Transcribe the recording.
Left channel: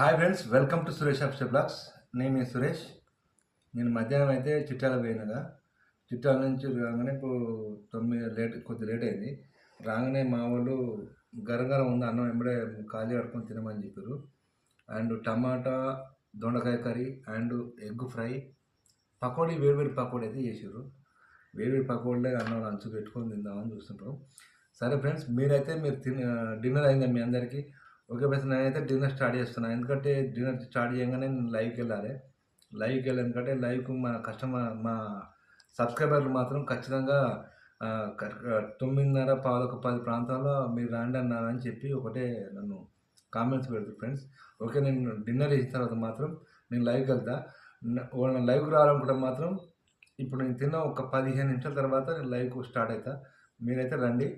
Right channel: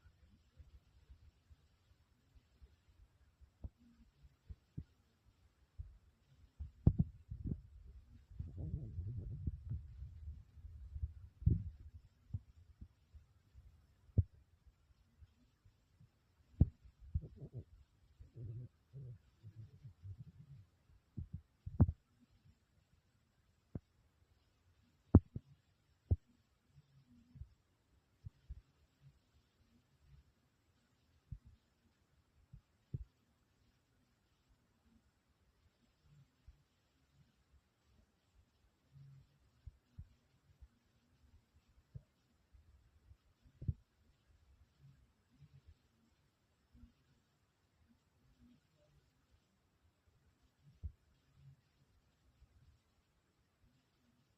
Hi friends, welcome to Suresh అప్స్టే blogs. నేను మీ సురేష్. నేను మధ్యాహ్నం అయితే చిట్యాల పోయినగా, చిట్యాల నుంచి రాగానే ఇప్పుడు 9 కొద్ది లేట్ అయింది. రాగానే మా వాళ్ళు గరం ఉంది అన్నం వెంబడే ఖాళీ కడుకొని తినమని చెప్పారు. అండ్ టమాటా దొండకాయ curry and egg fry, pakodi, వేడివేడి పకోడీ అయితే చేసారు. వేడివేడి పకోడీలే అన్నం లంచ్ పెట్టుకొని తిందామని చూస్తుంటాం. సరే ఫ్రెండ్స్, మీరు డిన్నర్ అయిందా మీ అందరికీ? ఓకే ఫ్రెండ్స్, నేనైతే డిన్నర్ స్టార్ట్ చేస్తున్నాను. ఎందుకంటే డిన్నర్ స్టార్ట్ చేయగానే నేను లైవ్కి వెళ్ళాలి. ఎందుకంటే లైవ్కు మా సబ్స్క్రైబర్లు మాత్రం ఖచ్చితంగా 9:30, 10 ప్రాంతంలో మీరు రాండి అన్నారని చెప్పి ఒకటే నన్ను కామెంట్స్ పెడతారు ఫ్రెండ్స్. ఓకే, నేను డిన్నర్ చేసిన తర్వాత మాత్రం నేను లైవ్కి వెళ్తా. లైవ్కి రావాలనుకుంటే మాత్రం ఇప్పుడు నేను తిన్న ఒక 15 నిమిషాల తర్వాత నేను లైవ్కు స్టార్ట్ అవుతా. మీరైతే రండి.